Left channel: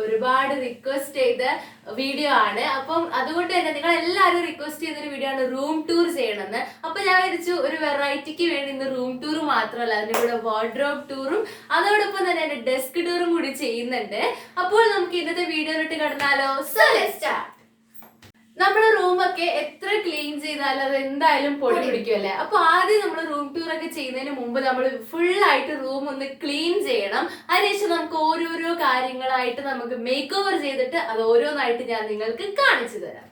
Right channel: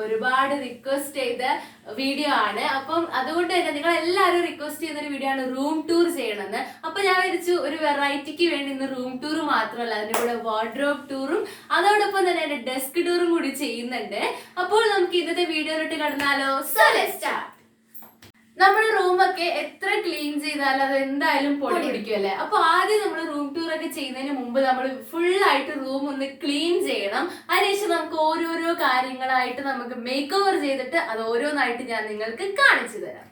ഒരുപാട് റിക്വസ്റ്റ് ചെയ്ത വീഡിയോ ആണ്. അപ്പം അതുകൊണ്ട് തന്നെ നിങ്ങൾ എല്ലാവരും റിക്വസ്റ്റ് ചെയ്യുന്ന ഒരു വീഡിയോ ആണ് റൂം ടൂർ ചെയ്യണമെന്ന്. അപ്പൊ ഞാൻ വിചാരിച്ചു ഒരു വെറൈറ്റിക്ക് വേണ്ടി ഇന്ന് റൂം ടൂർ മാത്രമല്ല, അതിന്റെ കൂടെ വാർഡ്രോബ് ടൂറും അതോടൊപ്പം തന്നെ എന്റെ ഡെസ്ക് ടൂറും കൂടി ചെയ്യുന്നുണ്ട്. അപ്പോൾ നമുക്ക് ഇന്നത്തെ വീഡിയോയിലോട്ട് കടന്നാലോ? So let's start. നമ്മുടെ റൂമൊക്കെ എത്ര ക്ലീൻ ചെയ്താലും അത് എന്തായാലും പൊടി പിടിക്കുമല്ലേ. അപ്പൊ ആദ്യം നമ്മൾ റൂം ടൂർ ഒക്കെ ചെയ്യുന്നതിന് മുമ്പ് നമ്മൾ ഫുൾ ആയിട്ട് റൂം ഒന്ന് ക്ലീൻ ചെയ്യണം. അതിനുശേഷം നമുക്ക് ഓരോരോ കാര്യങ്ങളായിട്ട് നമുക്ക് മേക്ക് ഓവർ ചെയ്തിട്ട് അത് ഓരോന്നായിട്ട് ഞാൻ നിങ്ങൾക്ക് കാണിച്ചു തരാം.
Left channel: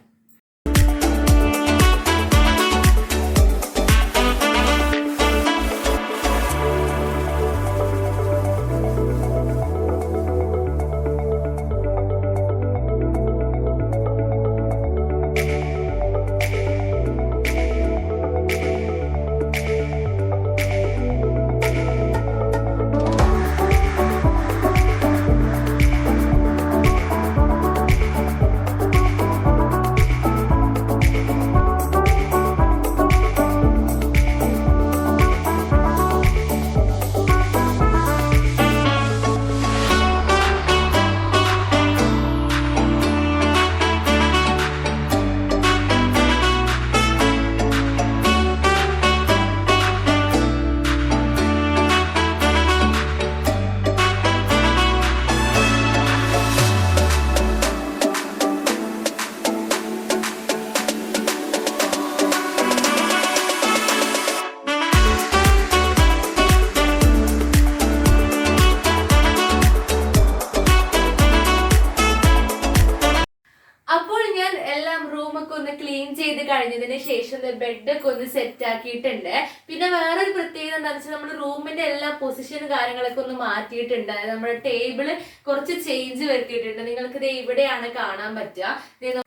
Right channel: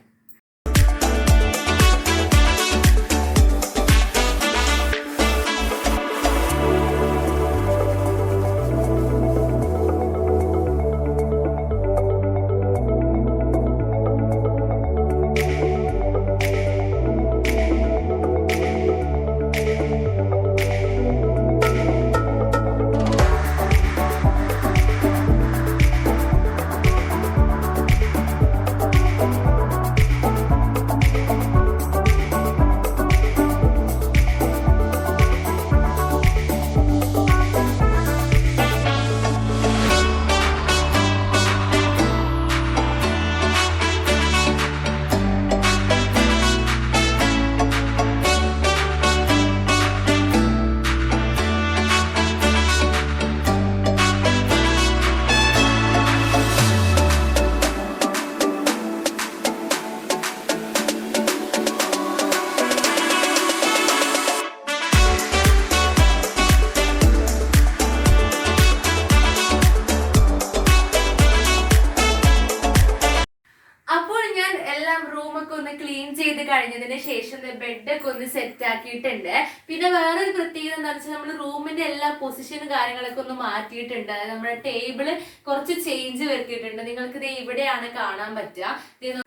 ക്ലീൻ ചെയ്ത് കഴിഞ്ഞതിന് ശേഷം ബെഡൊക്കെ ഒന്ന് സെറ്റ് ആക്കിയിട്ടുണ്ട്. പിന്നെ വേറൊരു പ്രത്യേകത എന്താണെന്ന് വെച്ചാൽ നമ്മൾ റൂമിന്റെ എല്ലാ പൊസിഷനും കാര്യങ്ങളൊക്കെ ഒന്ന് മാറ്റിയിട്ടുണ്ട്. അതായത് നമ്മുടെ ടേബിള് കുറച്ച് ചേഞ്ച് വരുത്തിയിട്ടുണ്ട്. നിങ്ങൾക്ക് ഇത് ഇവിടെയാണ് കാണാൻ പറ്റുക.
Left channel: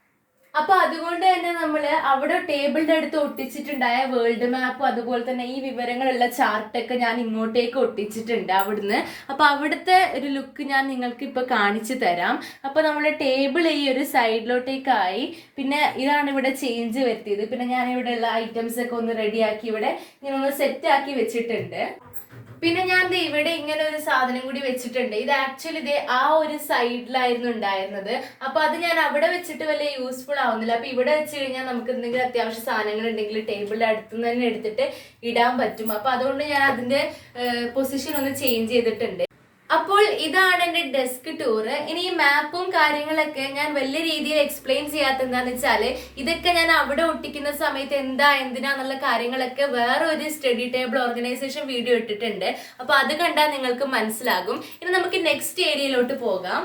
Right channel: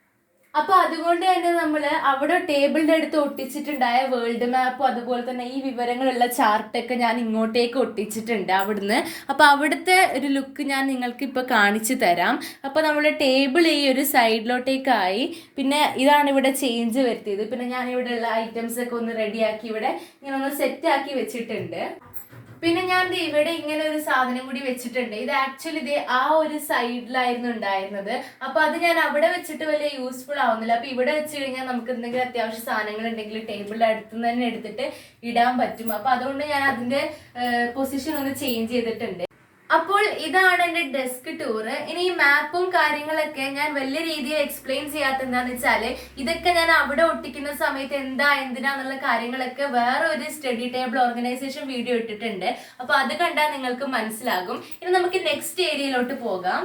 അപ്പൊ അതുകൊണ്ട് തന്നെ നമ്മൾ അവിടെ ടേബിളിന്റെ അടുത്ത് ഒട്ടിച്ചിട്ടുണ്ടായ വേൾഡ് മാപ്പും അതുപോലെ തന്നെ ഈ വിവരങ്ങളുള്ള ചാർട്ടൊക്കെ ഞാൻ ഇങ്ങോട്ടേക്ക് ഒട്ടിച്ചിട്ടുണ്ട് അവിടുന്ന്. അപ്പൊ അവിടുത്തെ ഒരു ലുക്ക് ഞാൻ നിങ്ങൾക്ക് ഇപ്പൊ കാണിച്ചു തരാം. അപ്പൊ നമ്മുടെ ടേബിൾ ഈ ഒരു സൈഡിലോട്ടേക്കായി. പിന്നെ ഇതാണ് ഇവിടെ ചേഞ്ച് വരുത്തിയത്. പിന്നെ ഞാൻ ഇവിടെ ഉള്ള ഐറ്റംസ് ഒക്കെ ഒന്ന് റെഡിയാക്കി ഇവിടെ ഇങ്ങനെ ഒന്ന് സെറ്റ് ആക്കി വെച്ചിട്ടുണ്ട്. പിന്നെ ഞാൻ ഇവിടെ ഇങ്ങനെ ഒരു സാധനം കൂടി വെച്ചിട്ടുണ്ട്. ഇത് ആക്ച്വലി ഇത് ആ ഒരു സൈഡിലായിരുന്നു ഉണ്ടായിരുന്നത്. അപ്പൊ അത് ഞാൻ അവിടെ വെച്ചിട്ട് വലിയ യൂസ്ഫുൾ ആവുന്നില്ല. അപ്പൊ ഇവിടെ വെച്ച് കഴിഞ്ഞാൽ നമുക്ക് എന്തെങ്കിലും അത്യാവശ്യ സാധനങ്ങൾ ഉണ്ടെങ്കിൽ ടേബിളിന്റെ അടുത്ത് തന്നെ എടുത്തിട്ട് ഇടാൻ പറ്റും. അപ്പൊ അതുകൊണ്ട് ഞാൻ അതിന്റെ പൊസിഷൻ ഒന്ന് ചേഞ്ച് ചെയ്തിട്ടുണ്ട്. അപ്പോൾ ഇതാണ് എൻ്റെ ഡെസ്ക് ടൂർ. ഇനി ഈ മാപ്പും കാര്യങ്ങളൊക്കെ ഞാൻ വലിയ രീതിയിൽ എക്സ്പ്ലെയിൻ ചെയ്യാത്ത എന്താന്ന് വെച്ചാൽ ഇതൊക്കെ ഞാൻ അവിടെ ഒട്ടിക്കുന്ന സമയത്ത് എന്തിനാന്നുള്ള കാര്യങ്ങളൊക്കെ വേറെ ഒരു സ്റ്റഡി ടേബിൾ ഓർഗനൈസേഷൻ വീഡിയോ ഇട്ടിട്ടുണ്ട്. അപ്പൊ അത് കണ്ടാൽ നിങ്ങൾക്ക് മനസ്സിലാകും. ഇനി നമുക്ക് നെക്സ്റ്റ് ഏരിയയിലോട്ട് പോകാം.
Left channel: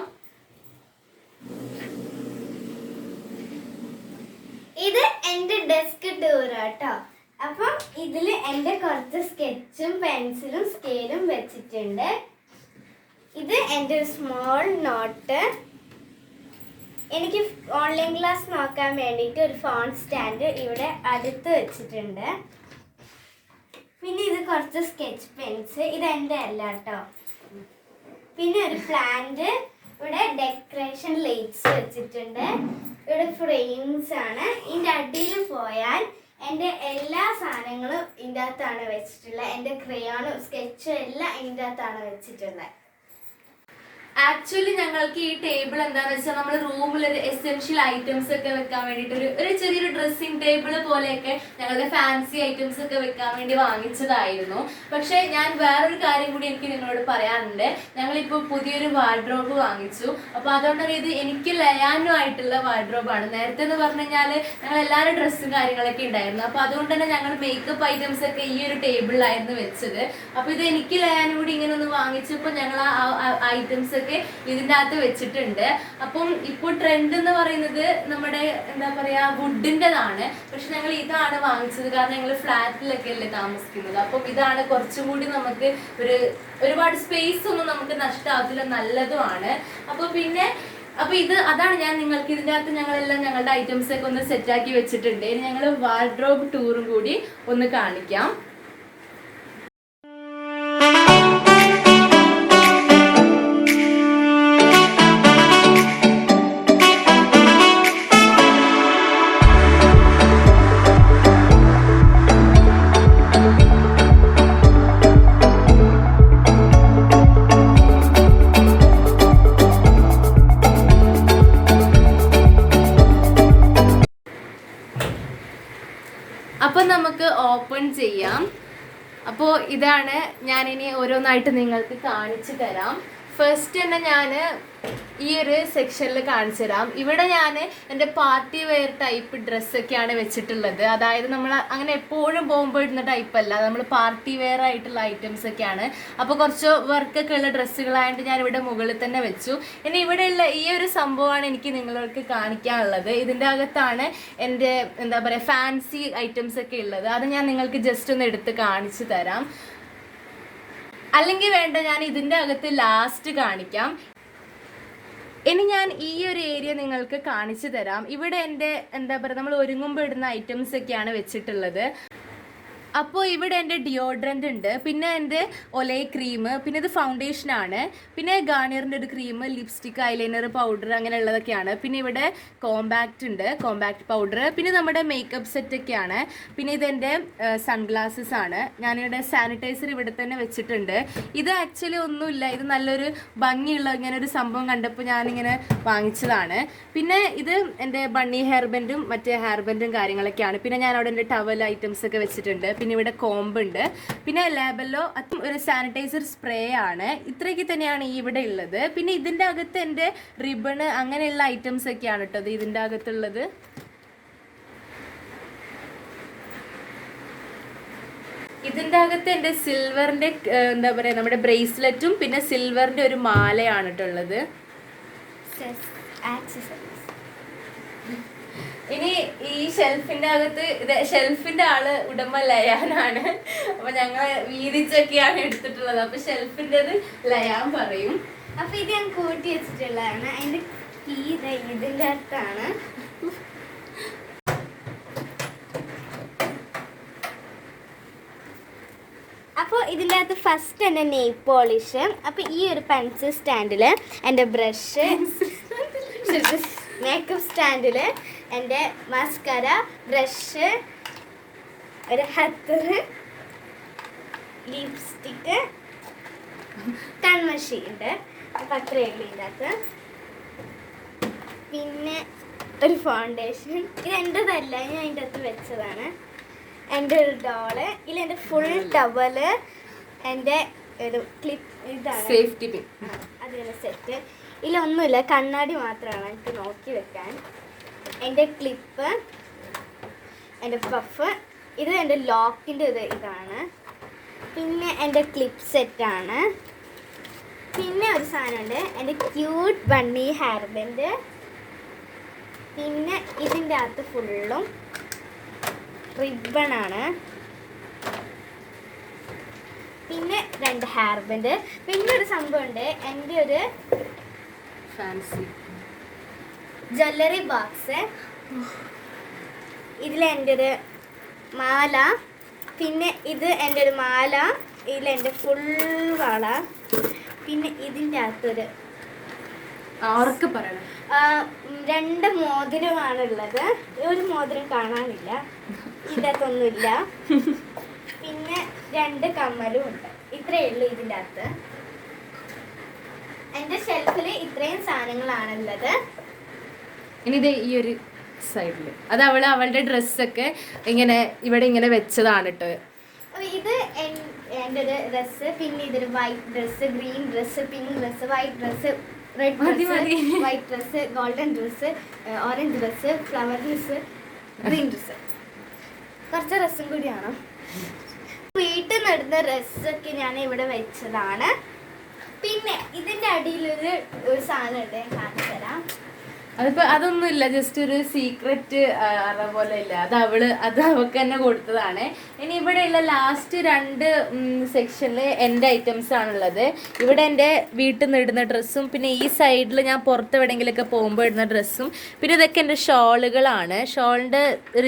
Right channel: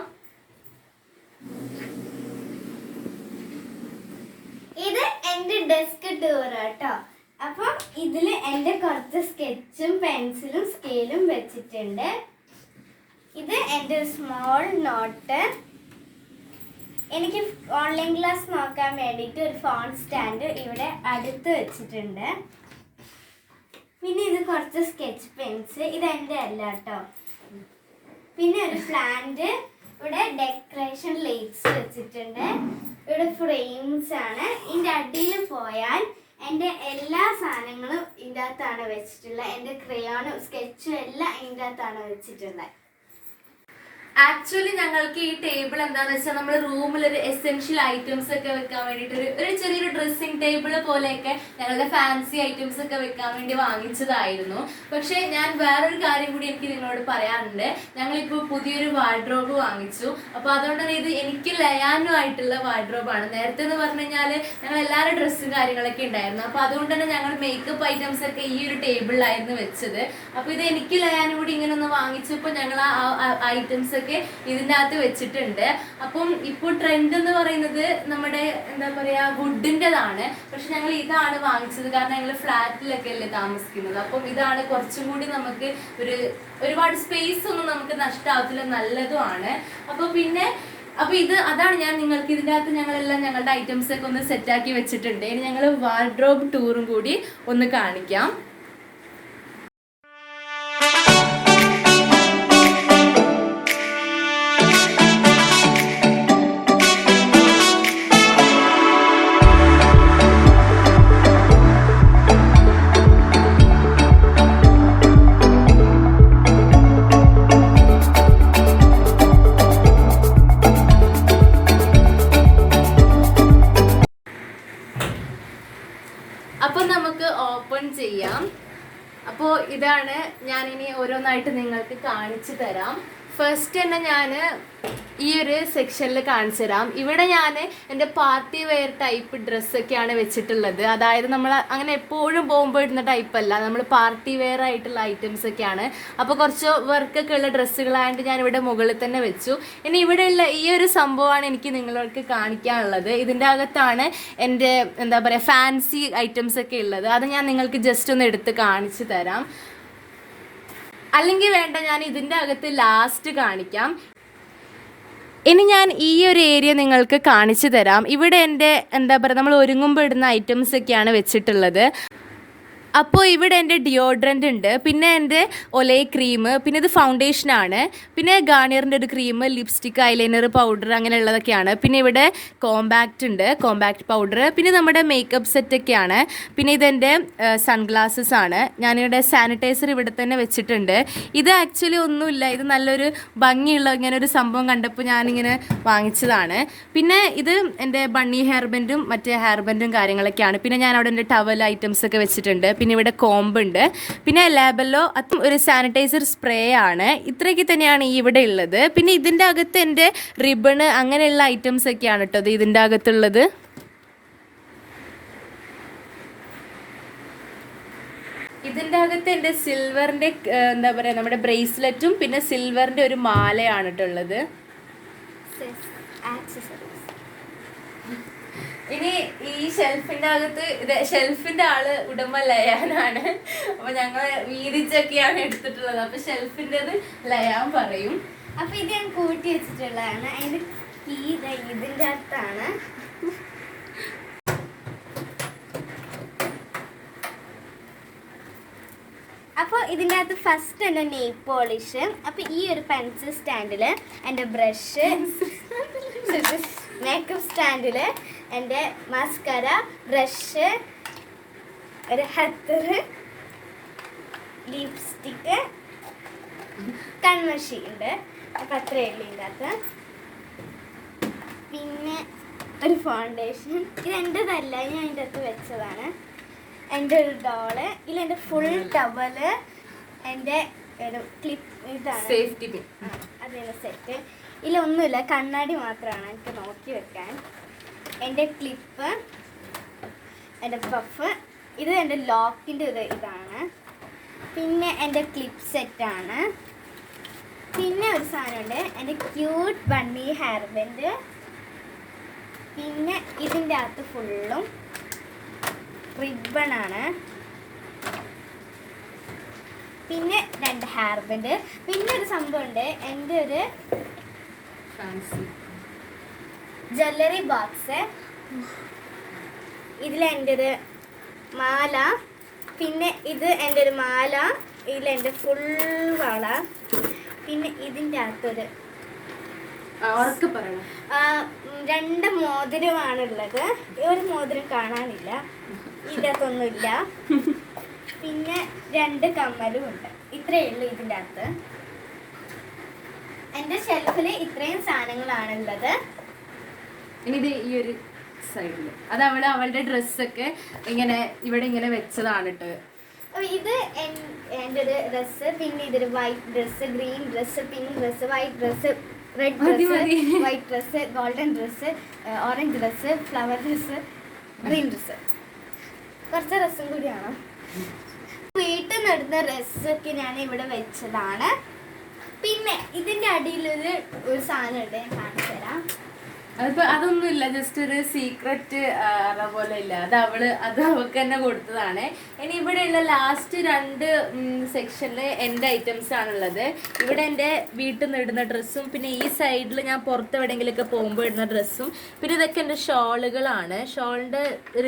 ഇത് എൻ്റെ ഡെസ്ക് ടൂർ കേട്ടോ. അപ്പം ഇതിൽ എൻ്റെ കുറച്ച് സ്കെച്ചും പെൻസിലും സ്കെയിലും വെച്ചിട്ടുണ്ട്. ഇത് എൻ്റെ സ്മോൾ നോട്ട്. എനിക്ക് ഓൺലൈൻ ക്ലാസ് നോക്കാൻ വേണ്ടിയിട്ട് ഒരു ഫോൺ സ്റ്റാൻഡ് ഇവിടെ അടുത്ത് വെച്ചിട്ടുണ്ട്. പിന്നെ ഇത് കുറച്ച് സ്കെച്ച് പെൻസ്. ഇത് എൻ്റെ അല്ല കേട്ടോ. പിന്നെ ഒരു പ്ലാന്റ്. ഇവിടെ ഡെക്കറേഷൻ ലൈറ്റ്സ് വെച്ചിട്ടുണ്ട്. ഇവിടെ ഫ്രെയിംസ് ആണ്. ഇതിൻ്റെ അടിയിൽ പോയാൽ എൻ്റെ എല്ലാ സാധനങ്ങളും ഇതിൻ്റെ അകത്താണ് വെച്ചിട്ടുള്ളത്. എൻ്റെ ക്രയോണും സ്കെച്ചും എല്ലാം ഇതിൻ്റെ അകത്താണ് വെച്ചിട്ടുള്ളത്. ആക്ച്വലി ഞങ്ങൾക്ക് ഈ ടേബിൾ എന്താണെന്ന് വെച്ചാൽ നമ്മൾ റൂമിൽ ഒരു എസെൻഷ്യൽ ഐറ്റംസ് ഒക്കെ വെക്കാൻ വേണ്ടിയിട്ട് ഒരു ചെറിയൊരു ഡ്രസ്സിംഗ് ടേബിൾ പോലെയൊക്കെ ഞങ്ങളുടെ ഫാൻസി ഐറ്റംസ് ഒക്കെ വെക്കാൻ വേണ്ടി വാങ്ങിച്ചതായിരുന്നു. പക്ഷെ ഞാൻ വേറൊരു കാര്യം കൂടി എനിക്ക് നിങ്ങളോട് പറയാനുണ്ട്. ഞങ്ങളിപ്പോൾ പുതിയൊരു വാർഡ്രോബ് വാങ്ങിച്ചു. അപ്പോൾ അതുകൊണ്ട് തന്നെ ഇത് എനിക്ക് ലയാനുമായിട്ടുള്ള വാർഡ്രോബാണ്. നേരത്തെ എന്ന് പറഞ്ഞു കഴിഞ്ഞാൽ ഞങ്ങൾ എല്ലാവരും ഡ്രസ്സും കാര്യങ്ങളൊക്കെ ഉണ്ടായിരുന്നു. അപ്പോൾ അതുകൊണ്ട് തന്നെ ഞങ്ങൾ മേക്കപ്പ് ഐറ്റംസ് ഒക്കെ ഈ ഒരു ടേബിളിലായിരുന്നു വെച്ചത്. അപ്പോൾ ഇത് എനിക്ക് ലയാനും കൂടി ഇങ്ങനെ ഒന്ന് വാങ്ങിച്ചപ്പോൾ ഞങ്ങൾ ആ ഐറ്റംസ് ഒക്കെ ഇതിൻ്റെ അകത്ത് വെച്ചിട്ടുണ്ട്. അപ്പം ഇപ്പോൾ ട്രെൻഡ് എന്ന് പറയുന്നത് നമ്മുടെ എന്താ പറയാ വുഡിൻ്റെതാണ്. പക്ഷെ ഞങ്ങൾ ഇതാണ് വാങ്ങിച്ചത്. കാരണം ഞങ്ങൾ ഫ്ലാറ്റിലൊക്കെ അല്ലേ താമസിക്കുന്നത്. അപ്പം ഇതാണ് കുറച്ചും കൂടി നമുക്ക് ഒരുപാട് സ്പേസ് ഒന്നും നമുക്ക് നഷ്ടമാകത്തില്ല, നല്ലതുമാണ്. അപ്പൊ ഇത് അതാണ് ഞാൻ നിങ്ങൾക്ക് ഇതിൻ്റെ അകത്ത് ഞങ്ങളെല്ലാം ഞങ്ങളുടെ ഐറ്റംസ് ഒക്കെ ഒന്ന് സെറ്റാക്കി വെച്ചിട്ടുണ്ട്. ഇനി ഞങ്ങൾ വാർഡ്രോബ് ടൂറും കൂടി ഒന്ന് കാണിക്കാം. ഓപ്പൺ ചെയ്യാം. അപ്പോൾ ഇതാണ്, ഞാനിനി ഓരോന്നായിട്ട് നിങ്ങൾക്ക് കാണിച്ചു തരാം. ഫസ്റ്റ് തന്നെ ഞാൻ ഈ ഒരു സെക്ഷനിൽ കാണിച്ചു തരാം. ഇവിടെ ഞാൻ എൻ്റെ പാർട്ടി വെയർ ടൈപ്പ് ഡ്രസ്സൊക്കെയാണ് വെച്ചിട്ടുള്ളത്. അതായത് നമ്മൾ അങ്ങനെ എപ്പോഴും പോകുമ്പോൾ ഇടുന്ന ടൈപ്പല്ല, നമ്മൾ പാർട്ടി വെയർ ആയിട്ടുള്ള ഐറ്റംസ് ഒക്കെയാണ്. അപ്പോൾ കുറച്ച് വർക്കൊക്കെ ഉള്ള ഡ്രസ്സുകളായതുകൊണ്ട് ഞാൻ ഇവിടെ മുകളിൽ തന്നെ വെച്ചു. ഇനി ഇവിടെയുള്ള ഈ ഒരു സംഭവമാണ് എനിക്ക് നിങ്ങളോട് കാണിക്കാനുള്ളത്. ഇതിൻ്റെ അകത്താണ് എൻ്റെ എന്താ പറയുക ഫാൻസി ഐറ്റംസ് ഒക്കെ ഉള്ളത്. അത് ഞാൻ നിങ്ങൾക്ക് ജസ്റ്റ് ഒന്ന് എടുത്ത് കാണിച്ചു തരാം. അല്ലെങ്കിൽ വേണ്ട, ഞാൻ ഇതിൻ്റെ അകത്ത് ലാസ്റ്റ് കാണിക്കാം. ഇനി ഞാൻ ഈ ഒരു ഏരിയ നിങ്ങൾക്ക് കാണിച്ചു തരാം. ഇവിടെ എൻ്റെ എന്താ പറയുക നമ്മൾ ഒരുങ്ങുമ്പോൾ ഇടുന്ന ഐറ്റംസ് ഒക്കെയാണ് വെച്ചിട്ടുള്ളത്. അപ്പോൾ ഇവിടെ എൻ്റെ ഡിയോഡ്രൻ്റ് ഉണ്ട്, പിന്നെ എൻ്റെ ഒലേ ക്രീം, പിന്നെ ഇത് ഫൗണ്ടേഷനാണ്, പിന്നെ ഗാർണിയറിൻ്റെ ഒരു ക്രീം, ലിപ്സ്റ്റിക്ക്, ഐലൈനർ, പൗഡർ അങ്ങനെയുള്ളതൊക്കെയാണ്. പിന്നെ ഇവിടെ കോമ്പാക്റ്റ് ഉണ്ട്, കോമ്പാക്റ്റ് പൗഡർ, പിന്നെ നമ്മുടെ മേക്കപ്പ് സെറ്റൊക്കെയാണ്. പിന്നെ ഇതെൻ്റെ സൺഗ്ലാസസ് ആണ്. ഞാനിവിടെ സാനിറ്റൈസർ ഇവിടെ തന്നെ വെച്ചിട്ടുണ്ട്. ഇത് ആക്ച്വലി ഒന്നുമില്ല, ഇത് നല്ലൊരു ഭംഗിയുള്ള ഇങ്ങനെ ഒരു സംഭവം കണ്ടപ്പോൾ ഞാനിങ്ങനെ വാങ്ങിച്ചതാണ്. പിന്നെ ഇത് എൻ്റെ ബണ്ണി ഹെയർ ബാൻഡും മറ്റേ ഹെയർ ബാൻഡും കാര്യങ്ങളൊക്കെയാണ്. പിന്നെ ഞാൻ അവിടെ എൻ്റെ ടവൽ ഐറ്റംസ് ഒക്കെ വെച്ചിട്ടുണ്ട്. പിന്നെ ഇവിടെ കോമ്പുണ്ട്, പിന്നെ ലാബെല്ലോ അതും ഒരു സാനിറ്റൈസർ സ്പ്രേ ആണ്. ഇത്രയൊക്കെ തന്നെയാണ് ഈ ഇവിടെ ഉള്ളത്. പിന്നെ ഇതിൻ്റെ അകത്ത് എൻ്റെ റിബണ് അങ്ങനെയുള്ള ഐറ്റംസ് ഒക്കെയാണ് കേട്ടോ ഇതിൻ്റെ അകത്തുള്ളത്. ഇതിൻ്റെ അകത്ത് എൻ്റെ സിൽവറിൻ്റെ എന്താ പറയുക നമ്മുടെ ബ്രേസ്ലെറ്റും പിന്നെ സിൽവറിൻ്റെ ഒരു മാലയാണ് കേട്ടുള്ളത്. ഇനി ഈ ഷെൽഫിന്റെ അകത്ത് ഷെൽഫിന്റെ ആള് ഉടമ ലയാനാണ്. അപ്പൊ ഞങ്ങള് വീതിച്ചൊക്കെയാണ് എടുത്തിട്ടുള്ളത്. അപ്പൊ ഷെൽഫിൻ്റെത് ലയാൻ പറയും. അപ്പൊ ഇത് ഞാൻ കൂട്ടി വെച്ചിട്ടുള്ളതാണ്. അതിന്റെ കീ ഇതിന്റെ അകത്താണ്. അപ്പോൾ ഇതിൻ്റെ അകത്ത് ഫസ്റ്റ് എൻ്റെ നെയിൽ പോളിഷ്. അപ്പോൾ ഈ ഒരു പെൻസിൽ സ്റ്റാൻഡിൽ എൻ്റെ ബ്രഷ്, മേക്കപ്പ് സ്റ്റാൻഡിൽ എൻ്റെ മസ്കര, ബ്രഷ്, ഒരു ഹത്തർ, ലിപ്സ്റ്റിക്ക്, കൺമഷി ഉണ്ട്. അപ്പം അത്രയേ ഉള്ളൂ ഇതിൻ്റെ അകത്ത്. പിന്നെ ഒരു ഫൗണ്ടേഷൻ. ഇത് എൻ്റെതല്ല, ഞാൻ അതിൻ്റെ അകത്ത് വെച്ചതാണ്. എൻ്റെ ഒരു ഡോള്, ഇതിൽ എൻ്റെ ഫുൾ ടവല്, എൻ്റെ ഒരു ക്ലിപ്പ്, ഇതാണ് സേഫ്റ്റി പിൻ, അതിൻ്റെ സെറ്റ്. ഇതിലൊന്നുമില്ല, കണ്ണാടി മാത്രമാണ് എനിക്ക് നോക്കി വെക്കാൻ. എൻ്റെ ക്ലിപ്പ്, എൻ്റെ പഫ്, ഇത് എൻ്റെ ലോക്കിൻ്റെ ഇതാണ്. പിന്നെ എൻ്റെ ക്ലിപ്പ് സെറ്റാണ്. പിന്നെ ഒരു സാധനമുണ്ട്, എൻ്റെ ക്യൂട്ട് ബണ്ണി ഹെയർ ബാൻഡ്. പിന്നെ ഇതിൻ്റെ അകത്ത് ഫുള്ളും റിബണാണ്. പിന്നെ 2 ഹെയർ ബാൻഡ്. പിന്നെ ഒരു സംഭവമുണ്ട്, എൻ്റെ ഒരു ഫാൻസി ജ്വല്ലറി ബോക്സ്. ഇതിലെൻ്റെ ഒരു മാല. പിന്നെ ഇത് എൻ്റെ ഒരു മാല, ഇതിലെൻ്റെ ഫുൾ വള. പിന്നെ ഇതിൻ്റെ അകത്തൊരു അവർക്ക് പറയണം 2 മോതിരമാണുള്ളത്. ഒരു മോതിരം കാണാനില്ല, ഇതിനകത്തൊന്നുമില്ല. പിന്നെ 2 കമ്മലും ഉണ്ട്. ഇത്രയേ ഉള്ളൂ ഇതിൻ്റെ അകത്ത്. എൻ്റെ ഷെൽഫിൽ ഇത്രയും സാധനങ്ങളാണുള്ളത്. ഇനി ഇത് ഈ ഒരു സൈഡില് അത് അവളുടെ ഡ്രസ്സൊക്കെ ഇങ്ങനെ ഇവിടെ ഇങ്ങനെ വെച്ചതാണ് കേട്ടോ. ഇത് എൻ്റെ ഒരു ഡ്രസ്സ്. പിന്നെ ഇതൊരു white dress, green dress, pink dress, white dress, red dress, white dress, golden dress, orange dress, flower dress, green dress. കുറച്ച് ഡ്രസ്സും കൂടിയാണ്. വീട്ടിൽ നിന്ന് ഇടുന്ന ഡ്രസ്സൊക്കെ ഞാൻ ഇവിടെ വെച്ചതാണ്. പിന്നെ ഇതിൻ്റെ അടിയിലൊരു സാധനമുണ്ട്, ഞാൻ കാണിച്ചു തരാം. അതിപ്പോ അതൊന്നുമില്ല, ജസ്റ്റ് ഒരു സീക്രറ്റ് അതേപോലെ ഇല്ല, അത് അവൾക്ക് തന്നെ കൊടുത്തതാണ്. ഇനി ഇവിടെയുള്ള ലാസ്റ്റ് 2 സെക്ഷനിൽ എൻ്റെ ഐറ്റംസ് ആണുള്ളത്. ഇവിടെ എൻ്റെ വീട്ടിൽ നിന്ന് ഇടുന്ന ഡ്രസ്സും, പിന്നെ ഈ സൈഡിൽ ഞാൻ പുറത്ത് എവിടെയെങ്കിലുമൊക്കെ പോകുമ്പോൾ ഇടുന്ന ഡ്രസ്സും, പിന്നെ ഇതൊക്കെ എൻ്റെ ഷോളുകളാണ്. ഷോളിൻ്റെ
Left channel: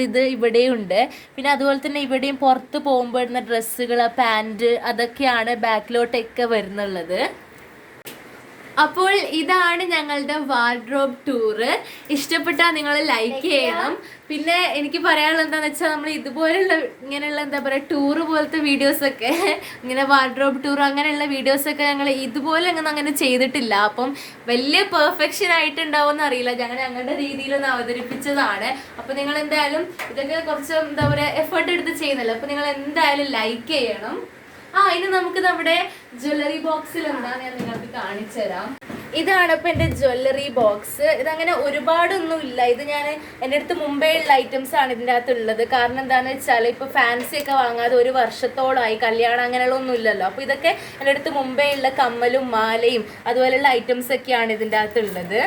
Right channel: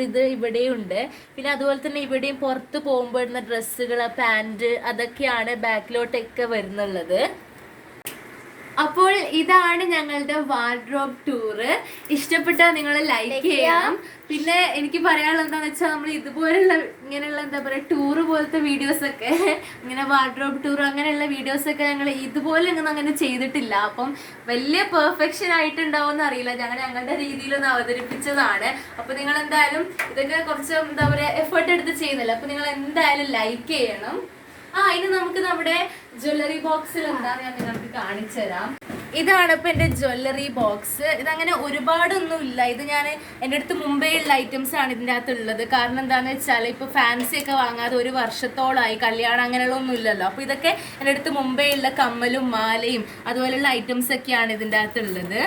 ഇത് ഇവിടെയുണ്ട്. പിന്നെ അതുപോലെ തന്നെ ഇവിടെയും പുറത്ത് പോകുമ്പോൾ ഇടുന്ന ഡ്രസ്സുകൾ, പാൻറ്, അതൊക്കെയാണ് ബാക്കിലോട്ടൊക്കെ വരുന്നുള്ളത്. അപ്പോൾ ഇതാണ് ഞങ്ങളുടെ വാർഡ്രോബ് ടൂറ്. ഇഷ്ടപ്പെട്ടാൽ നിങ്ങൾ ലൈക്ക് ചെയ്യണം. പിന്നെ എനിക്ക് പറയാനുള്ളത് എന്താണെന്ന് വെച്ചാൽ നമ്മൾ ഇതുപോലുള്ള ഇങ്ങനെയുള്ള എന്താ പറയുക ടൂറ് പോലത്തെ വീഡിയോസൊക്കെ ഇങ്ങനെ വാർഡ്രോബ് ടൂർ അങ്ങനെയുള്ള വീഡിയോസൊക്കെ ഞങ്ങൾ ഇതുപോലെ അങ്ങനെ ചെയ്തിട്ടില്ല. അപ്പം വലിയ പെർഫെക്ഷൻ ആയിട്ടുണ്ടാവുമെന്ന് അറിയില്ല. ഞങ്ങളുടെ രീതിയിലൊന്ന് അവതരിപ്പിച്ചതാണ്. അപ്പം നിങ്ങൾ എന്തായാലും ഇതൊക്കെ കുറച്ച് എന്താ പറയുക എഫേർട്ട് എടുത്ത് ചെയ്യുന്നല്ലോ. അപ്പം നിങ്ങൾ എന്തായാലും ലൈക്ക് ചെയ്യണം. ഇനി നമുക്ക് നമ്മുടെ ജ്വല്ലറി ബോക്സിൽ എന്താ ഞാൻ നിങ്ങൾക്ക് കാണിച്ചു തരാം. ഇതാണ് ഇപ്പൊ എന്റെ ജ്വല്ലറി ബോക്സ്. ഇതങ്ങനെ ഒരുപാടൊന്നും ഇല്ല. ഇത് ഞാൻ എൻ്റെ അടുത്ത് മുമ്പേ ഉള്ള ഐറ്റംസ് ആണ് ഇതിൻ്റെ അകത്ത് ഉള്ളത്. കാരണം എന്താണെന്ന് വെച്ചാൽ ഇപ്പൊ ഫാൻസി ഒക്കെ വാങ്ങാതെ 1 വർഷത്തോളമായി, കല്യാണം അങ്ങനെയുള്ള ഒന്നും ഇല്ലല്ലോ. അപ്പൊ ഇതൊക്കെ എൻ്റെ അടുത്ത് മുമ്പേ ഉള്ള കമ്മലും മാലയും അതുപോലെയുള്ള ഐറ്റംസ് ഒക്കെയാണ് ഇതിൻ്റെ അകത്ത് ഉള്ളത്.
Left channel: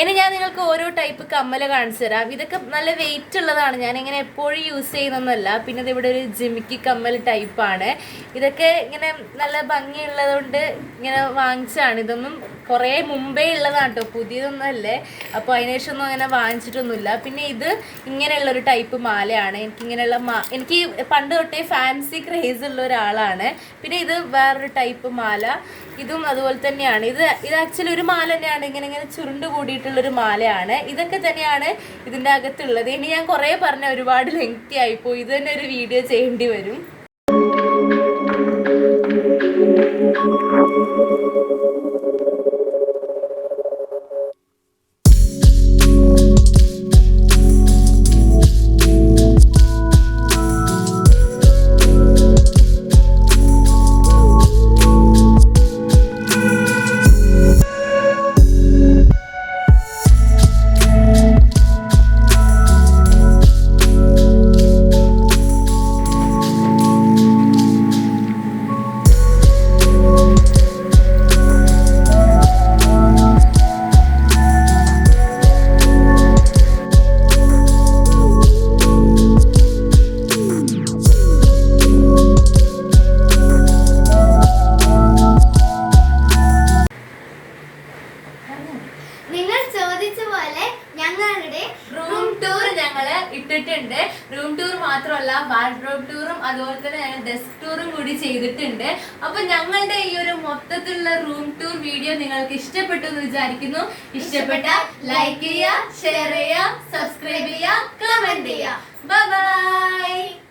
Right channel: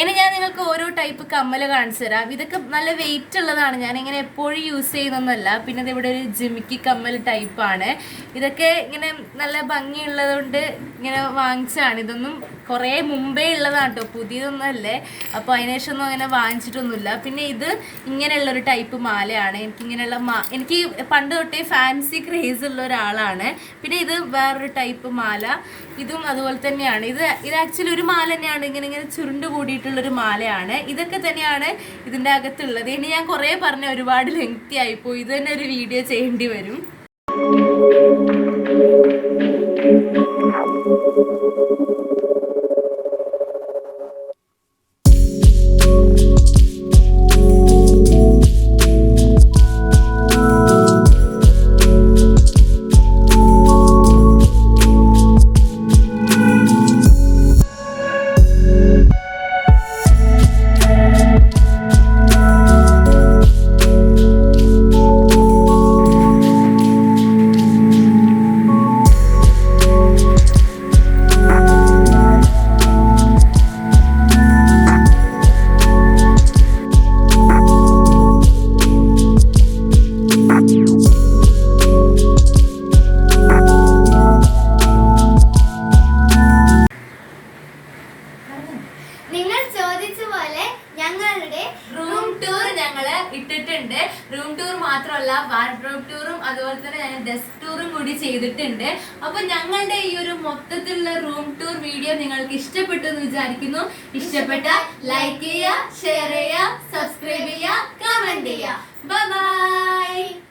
ഇനി ഞാൻ നിങ്ങൾക്ക് ഓരോ ടൈപ്പ് കമ്മൽ കാണിച്ചു തരാം. ഇതൊക്കെ നല്ല വെയിറ്റ് ഉള്ളതാണ്. ഞാൻ ഇങ്ങനെ എപ്പോഴും യൂസ് ചെയ്യുന്നൊന്നുമല്ല. പിന്നെ ഇതിവിടെ ഒരു ജിമിക്കി കമ്മൽ ടൈപ്പാണ്. ഇതൊക്കെ ഇങ്ങനെ നല്ല ഭംഗിയുള്ളത് കൊണ്ട് ഇങ്ങനെ വാങ്ങിച്ചാണ്. ഇതൊന്നും കുറേ മുമ്പേ ഉള്ളതാണ് കേട്ടോ, പുതിയതൊന്നും അല്ലേ. അപ്പോൾ അതിനുശേഷം ഒന്നും അങ്ങനെ വാങ്ങിച്ചിട്ടൊന്നുമില്ല. പിന്നെ ഇത് ഇങ്ങനെയുള്ളൊരു ടൈപ്പ് മാലയാണ്. എനിക്ക് പണ്ട് തൊട്ടേ ഫാൻസി ക്രേസ് ഉള്ള ഒരാളാണ്. പിന്നെ ഇത് വേറൊരു ടൈപ്പ് മാല. ഇതും അതുപോലെ തന്നെയാണ്. ഇത് ആക്ച്വലി ഒരു മാല തന്നെയാണ്. ഇങ്ങനെ ചുരുണ്ട് കൂടിയിട്ടുള്ളൊരു മാലയാണ്. ഇതൊക്കെ തന്നെയാണ് ഇതിൻ്റെ അകത്തുള്ളത്. ഇനി ഞാൻ കുറേ പറഞ്ഞ ഒരുപാട് ലെങ്തി ആയിപ്പോയി. ഇത് തന്നെ ഒരു വീഡിയോ ചെയ്യേണ്ടി വരും. ഇട്ടിട്ടുണ്ട്. റൂം ടൂർ മാത്രമല്ല വാർഡ്രോബ് ടൂറും അതുപോലെ തന്നെ ഞങ്ങൾ ഡെസ്ക് ടൂറും കൂടി ചെയ്തിട്ടുണ്ട്. അപ്പൊ ഞങ്ങളുടെ ഈ ഒരു മൊത്തത്തിലുള്ള റൂം ടൂർ വീഡിയോ നിങ്ങൾക്ക് ഇഷ്ടപ്പെട്ടു എന്ന് വിചാരിക്കുന്നു. ഇഷ്ടപ്പെട്ട ലൈക്ക് ചെയ്യുക, ഷെയർ ചെയ്യുക, സബ്സ്ക്രൈബ് ചെയ്യുക, കമന്റ് ചെയ്യുക. Bye bye.